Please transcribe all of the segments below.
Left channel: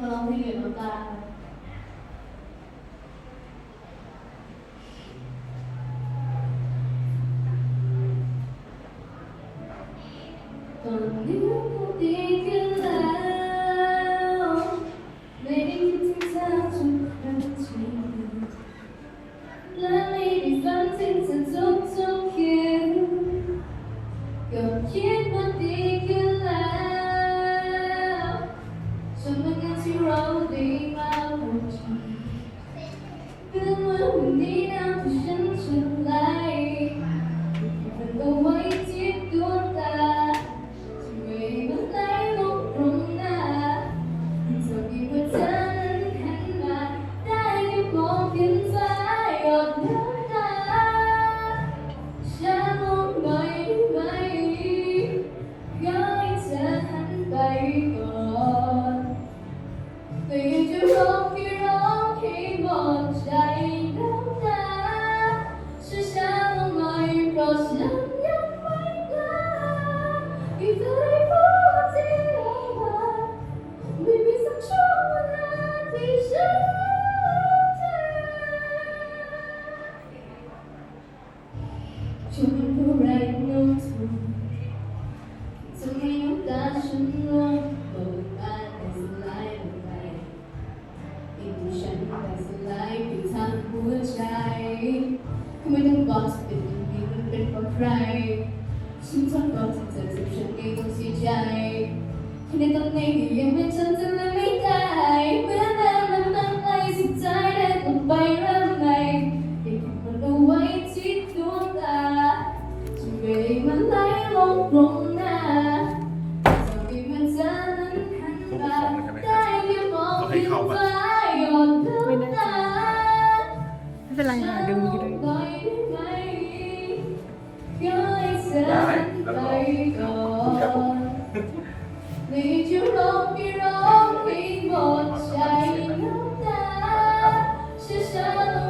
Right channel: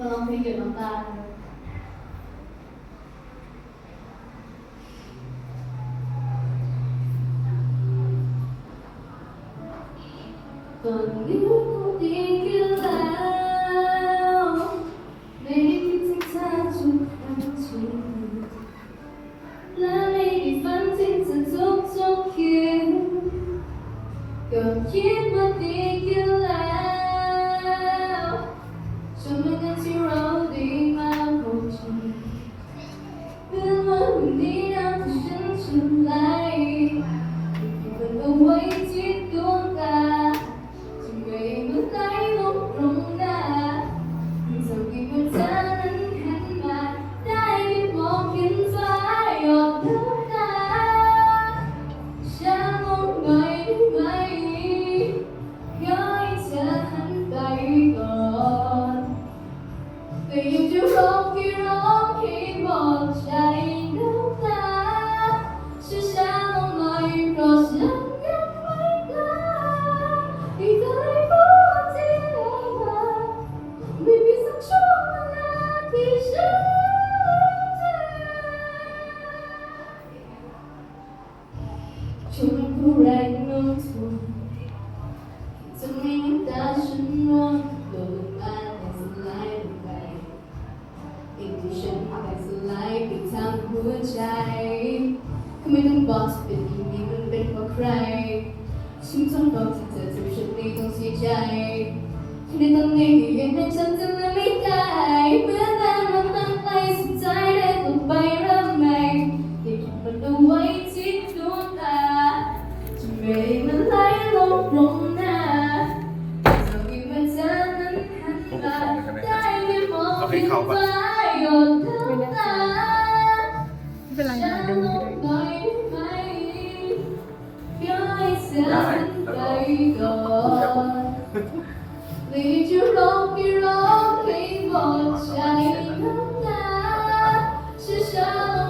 มลองเพลเกี่ยวการตอนนี้ก็ดีขึ้นแล้วไม่คิดงเธอทุกครั้งที่และไม่ได้ฝันถึงเธอทุกๆคืนก็คิดว่าดีขึ้น ชุมผู้ไรน้องสูจะไม่น้ำตาฉันร่วงโดนบ้านแต่สลายลงไปติดฉันแต่สลายไปทางหัวใจก็ไม่ต้องบอกเป็นอย่างนี้มันเป็พรใครฉันต้องบอกเธอเธอทำฉันดีต้องเสียใจในตอนนี้ยังไม่ฉันจะไม่ เป็นไรนะดึงก็ได้ได้แล้วก็ครับผม是什么？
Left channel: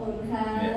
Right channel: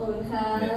คุณค่ะ